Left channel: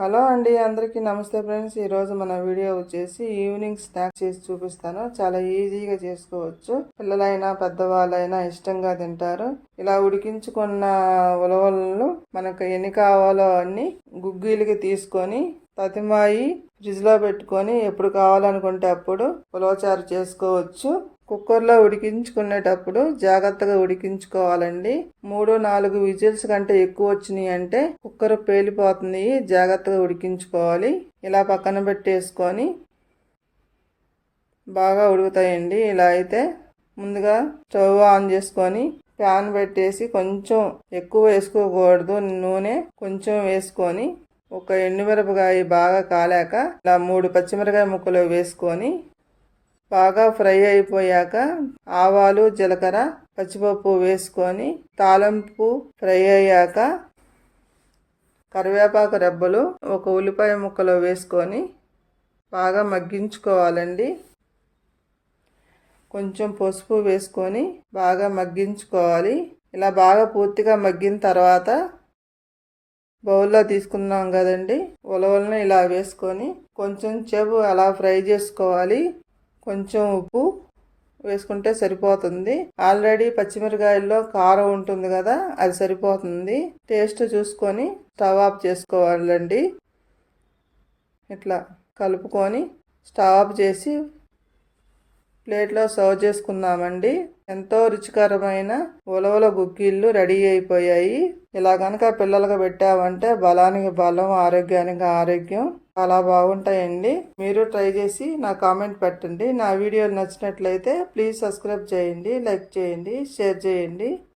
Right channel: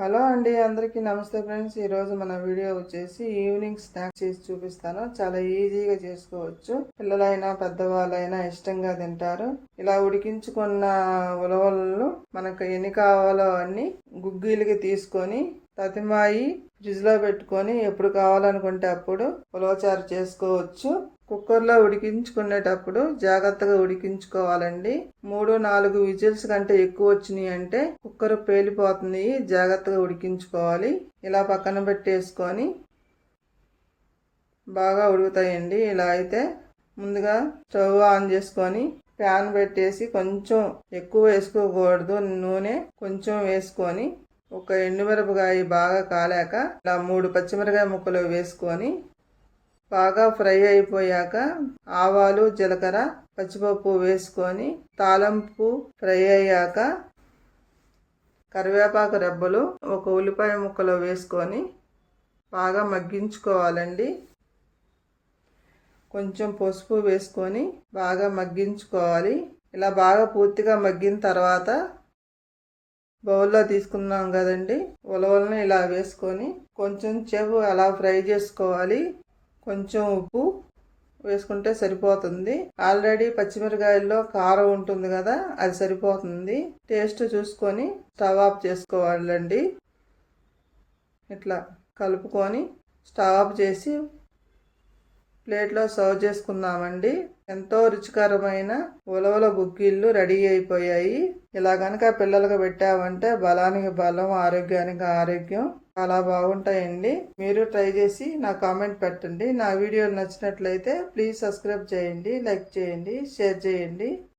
Hello అండి, అందరికీ నమస్తే ఫ్రెండ్స్. ఈరోజు మన వీడియో వచ్చేసి ఈవినింగ్ స్నాక్స్ చేసి చూపిస్తాను. చాలా ఈజీగా చేసుకోవచ్చు. పిల్లలైనా పెద్దవాళ్ళైనా ఇష్టంగా తింటారు. ఇలా ఉడికించుకున్న ఉలవలను మనకు ఎన్ని కావాలో అన్ని గుగ్గీలకి తీసుకొని తతిమాయి ఫ్రిడ్జ్లో పెట్టుకొని ఎప్పుడు కావాలనుకుంటే అప్పుడు ఉలవచారు చేసుకోవచ్చు. కుక్కర్లో ఉడికించుకునేటప్పుడు జాగ్రత్తగా ఉడికించుకోవాలండి. 3-4 విజిల్స్ కంటే ఎక్కువ వచ్చినాయి అంటే కుక్కర్ పేలిపోతుంది. జాగ్రత్తగా ఉడికించుకోవాలి. ఇలా పక్కన పెట్టేసుకొని బాగా ఉడుకుతాయండి. ఇలా అయితే ముందుగా స్టవ్ ఆన్ చేసుకొని ప్యాన్ పెట్టేసి కొంచెం ఎక్కువ వేసుకోకూడదు, నూనె కొంచెం వేసుకొని ఒక ఎండుమిరపకాయ బాగా కాలాక ఇలా 3 పచ్చిమిరపకాయ ముక్కలు వేసుకొని బాగా ఫ్రై అయిపోయాక ఆవాలు, జీలకర్ర, పచ్చిపప్పు వేసుకొని తాలింపు ఫ్రై అయ్యాక కరివేపాకు రెబ్బలు, ఒక ఉల్లిపాయ ముక్కలు వేసుకొని బాగా మగ్గించుకోవాలండి. కొంచెం పసుపు వేసుకొని బాగా మగ్గించుకోవాలి. ఇలా బాగా పూర్తిగా మగ్గిన తర్వాత బౌల్లో తీసుకున్నాం కదండి, ఉలవలను ఇలా వేసుకొని కొంచెం సేపు అలా ఫ్రై చేసుకోవాలి. కొంచెం ఉప్పు వేసుకుంటే సరిపోతుంది. ఆల్రెడీ పచ్చిమిరకాయల్లో కారం ఉంటుంది కదా, అది సరిపోతుంది. టేస్ట్ చూసుకొని స్టవ్ ఆఫ్ చేసుకోవాలండి. ఇట్లా కలుపుకొని స్టవ్ ఆఫ్ చేసి ప్లేట్లో సర్వ్ చేసుకుందామండి. ఎంతో రుచికరమైన ఉలవల గుగ్గిళ్ళు రెడీ అయిపోయాయి. ఇలా కనుక పిల్లలకు పెట్టామంటే బలానికి బలం, ఆరోగ్యానికి ఆరోగ్యం, చాలా బాగుంటాయండి. మీరు ట్రై చేసి నా కామెంట్ పెట్టండి. నా వీడియోలు నచ్చినట్లయితే ప్లీజ్ సబ్స్క్రైబ్ చేయండి, లైక్ చేయండి, షేర్ చేయండి.